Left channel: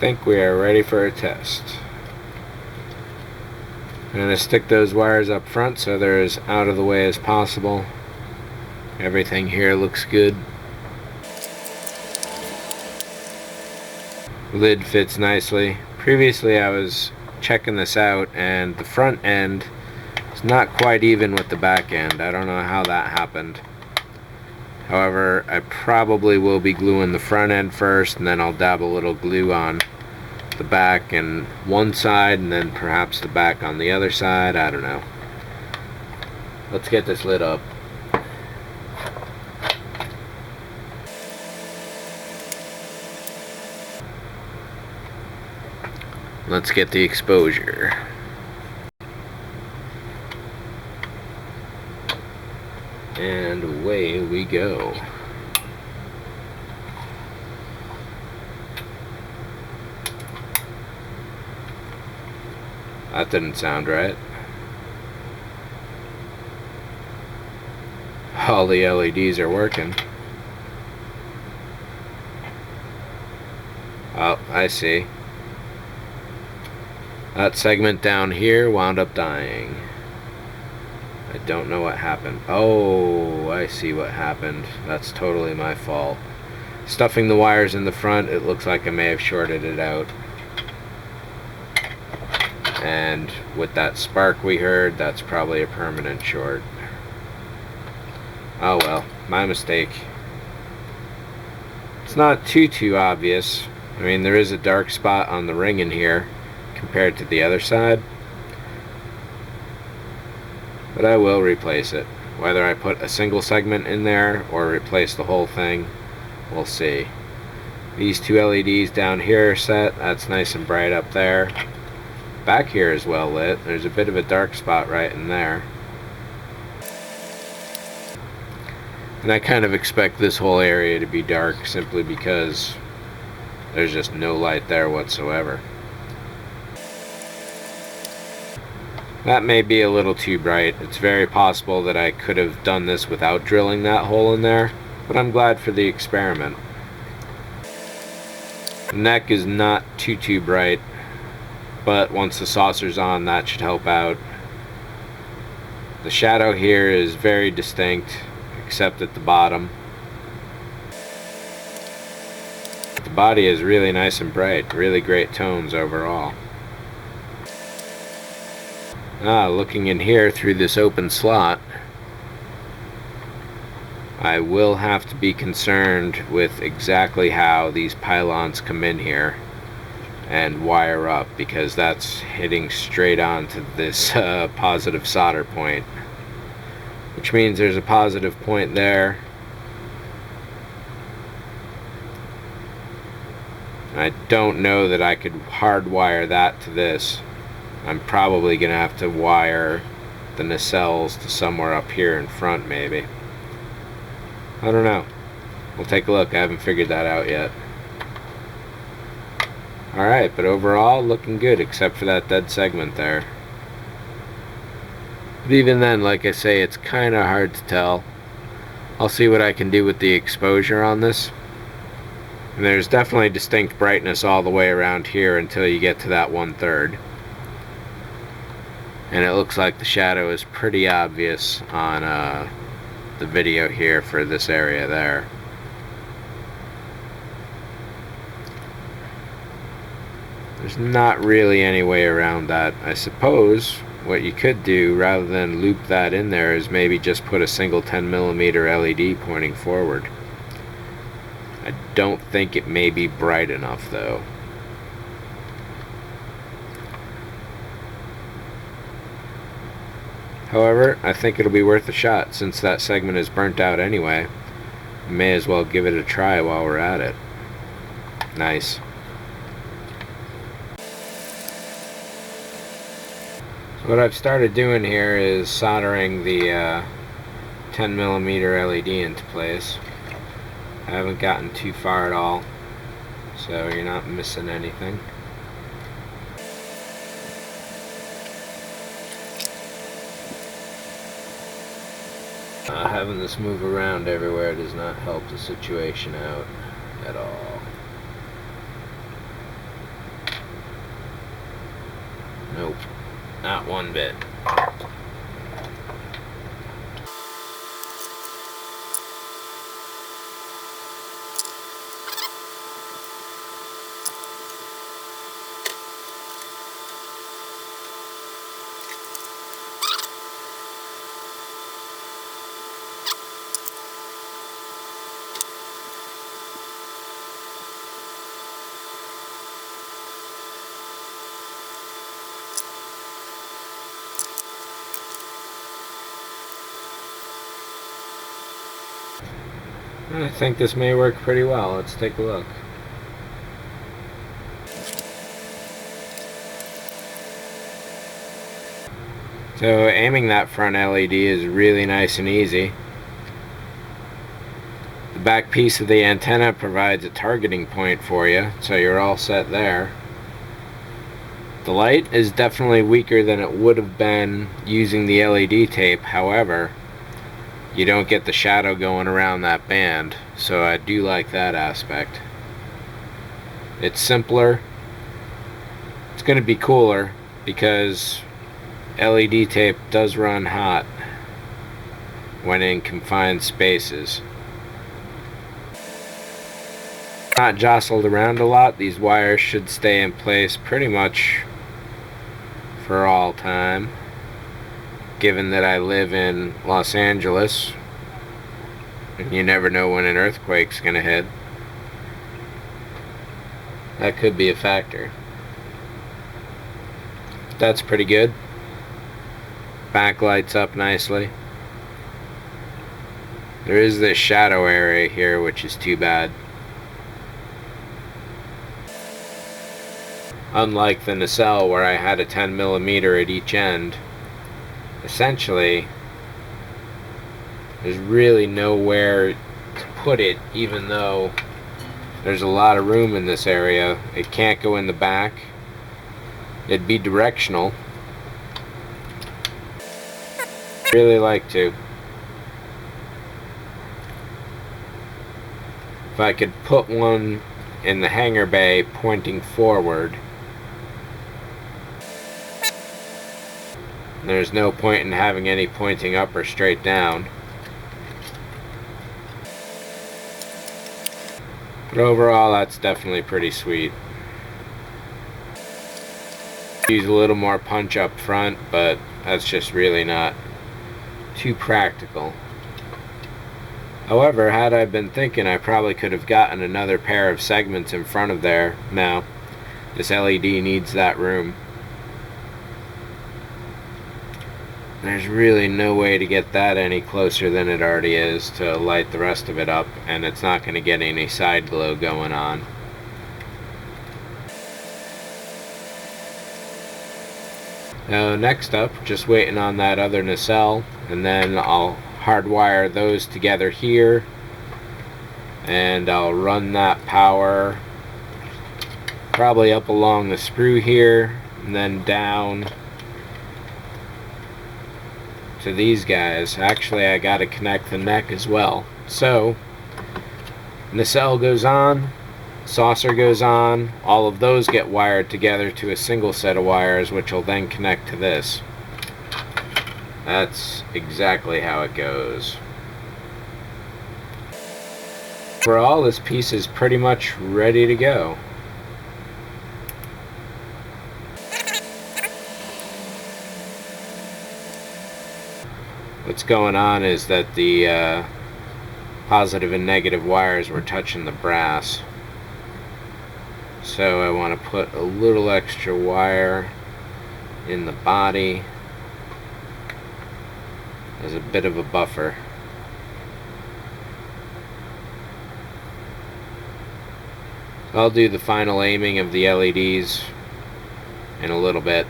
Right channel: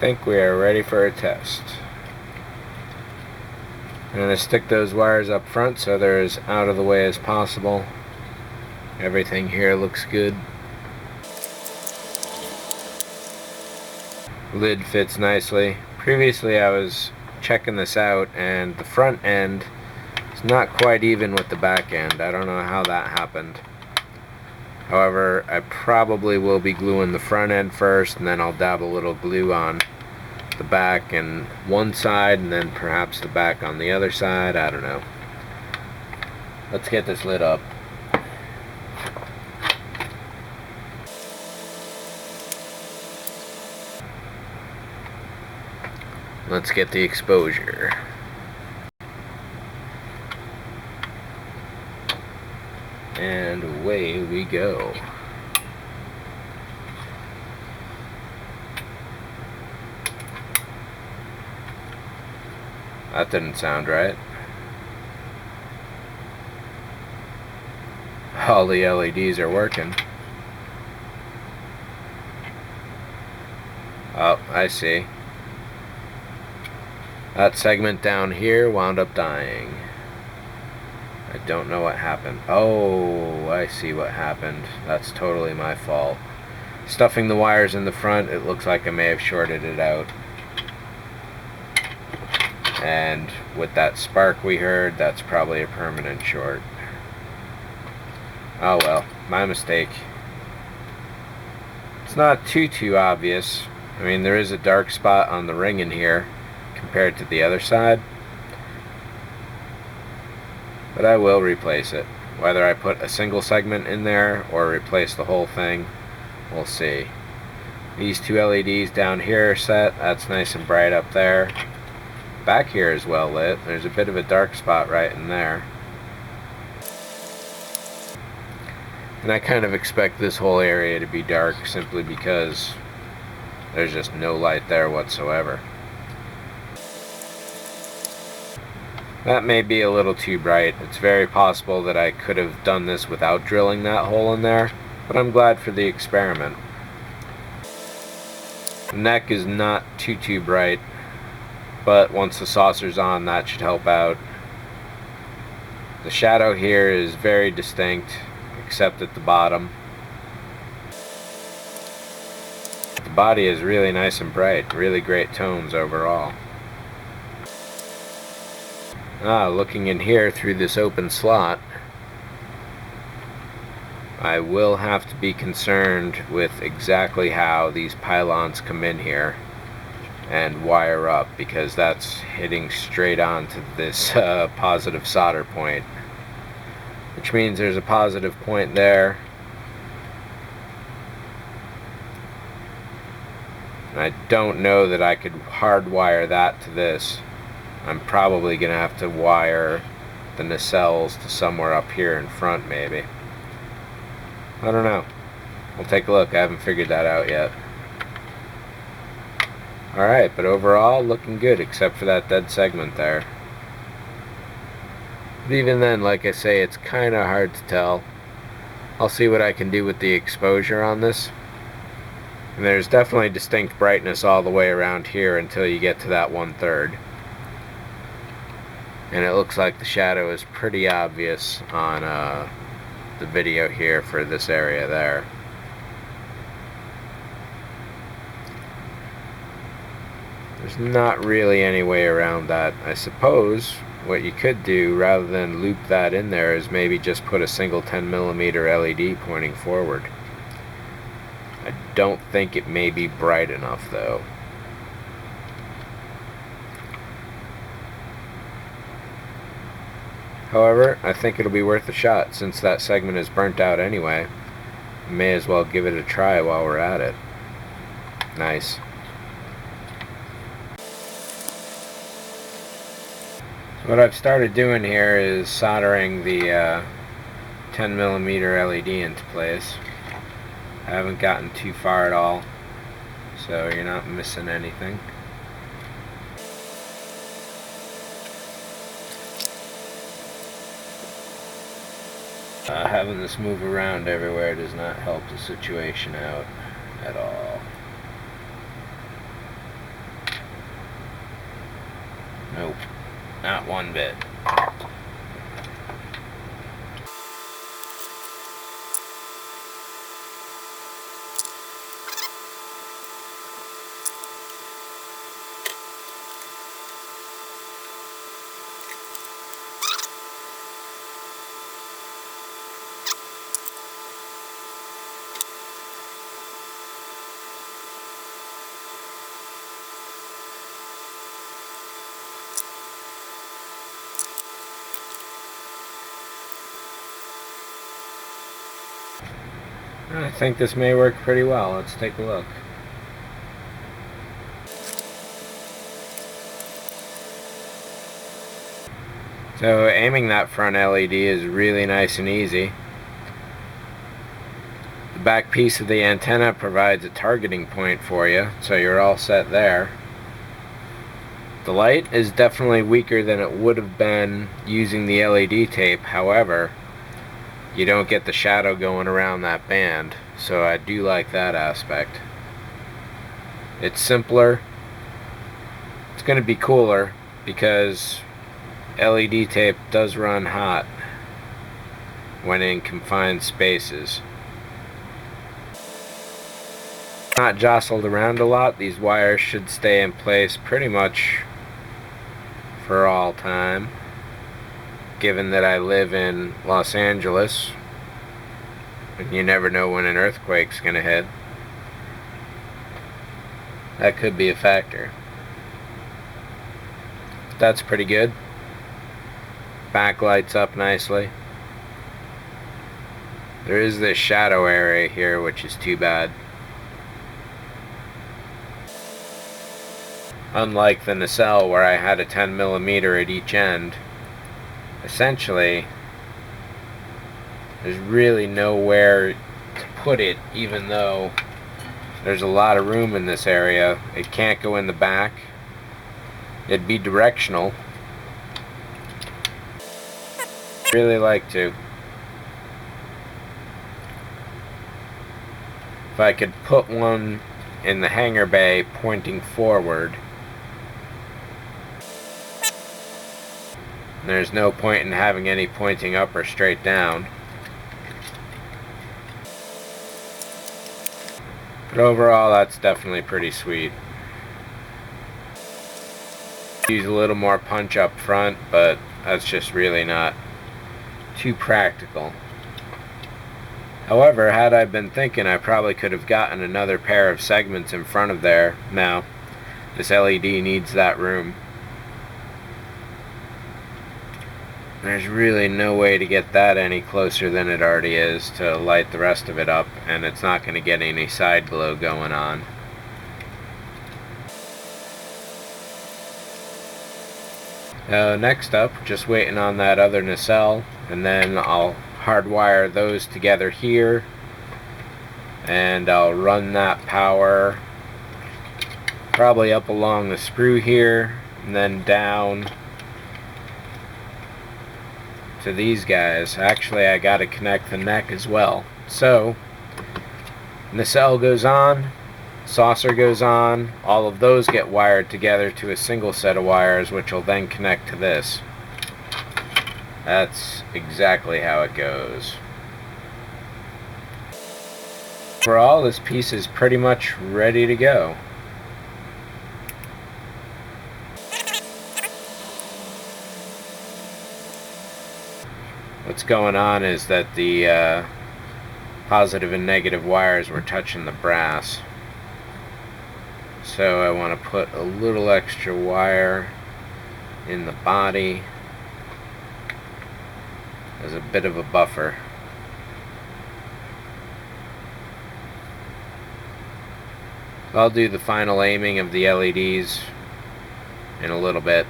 think we are ready for a test. I'm going to stick those wires up front so they're as out of the way as possible. Everything here looks good. The lid fits nicely. Previously I was checking this out and the front end is not quite even with the back end. I don't know how that happened. However, I probably will be gluing the front end first, and then I'll dab a little glue on the back and one side, and then perhaps the back on the other side. I don't know. Let's get this lid up. Let's get the exposure. And away we go. That didn't sound right. All the LEDs are working. Oh, I see. That segment down here wound up dying. I don't know what happened. Oh, I see what happened. That's totally my fault. Stuffing the wires in the front, it looks like I may have shorted it out. And with that spark we heard, that's probably a permanent short. Oh well, my mistake. It's not too obvious. I mean, there is a dark spot on the ring in here compared to the other side. But I will replace it. Whether I put a single segment in there or replace the whole thing, we'll see. These two LEDs down here are set. That's nice and bright up there. Back here is well lit. There's a bit of a dark spot right in there. And I kind of expect this whole area to be dark simply because there's just no light there whatsoever. That may be a little too bright. It's very possible that I could have done this without drilling that hole in there, but I'm glad for the experiment. The neck is not too bright, but once the saucer's on, that should help out. The shadow here is very distinct, except at the bottom. The body is really nice and bright, really great tones overall. Looking in here through this open slot, I will have to be concerned with exactly how these pylons come in here and wire up, because that's hitting straight onto this positive solder point, which means there's a positive point there. And I don't know that I could hardwire that to this. I'm probably going to have to wire the nacelles to somewhere up here in front, maybe. I don't know. We'll take a look. I haven't figured that out yet. Alright, but overall, looking good, except for that dead segment there. But even then, like I say, it's kind of hard to tell. I'll see what I can do with the exposure on this. And there's definitely distinct brightness all the way around here until you get to that 1/3. And it looks like the shadow is pretty obvious on the video here for this area there. There's not really any way around that. I suppose what you could do, rather than loop that in there, is maybe just put a single 10mm LED pointing forward. I don't think it may be bright enough though. However, I think it'll be worth a shot. Since that segment is burnt out anyway, may as well give it a try while we're at it. Nice. So what I've started doing here is soldering the 10mm LED into place. I haven't gotten too far at all, so you're not missing anything. Having this move around everywhere does not help the situation out at all. Nope, not one bit. I think this may work pretty well. Let's take a look. So aiming that front LED is really nice and easy. The back piece of the antenna provides a targeting point for you, so you're all set there. The light is definitely weaker than it would have been using the LED tape. However, you don't get the shadow going around that band, so I do like that aspect. It's simpler. It's going to be cooler because LED tape does run hot when in confined spaces. Not jostled around a lot. These wires should stay in place pretty much for all time, given that I live in Los Angeles and you never know when an earthquake's gonna hit. That could be a factor. That's pretty good. Backlights up nicely. There is this shadow area here, which is too bad. Unlike the nacelle where I had a 10mm at each end, essentially there's really nowhere to put it, even though there's a lot of room in this area. It can't go in the back. It'd be directional. Really like to. If I could put one in the hangar bay pointing forward, there's no point in having any pointing up or straight down. But overall, that's definitely pretty sweet. Use a little more punch up front, but that's just really not too practical. However, had I been thinking, I probably could have gotten another pair of segments in front of there. Now, this LED needs that room. There's really no way to get that any closer than it already is to light the rest of it up, and it's not going to get any side glow going on. Next up, just waiting on that other nacelle, and then I'll hardwire those together here, and I'll run that power probably up along the sprue here, and then down to these guys. Actually, I got to connect the neck as well. So nacelle goes on, saucer goes on, all of those get wired together to a single set of wires, which will then connect to this. That's exactly how it goes. Overall, this piece is pretty much ready to go. What's going on is that the positive and negative wires were touching the brass. So I want to put a little extra wire in the body as a bit of a buffer. I'll do the final aiming of the LEDs in a little bit.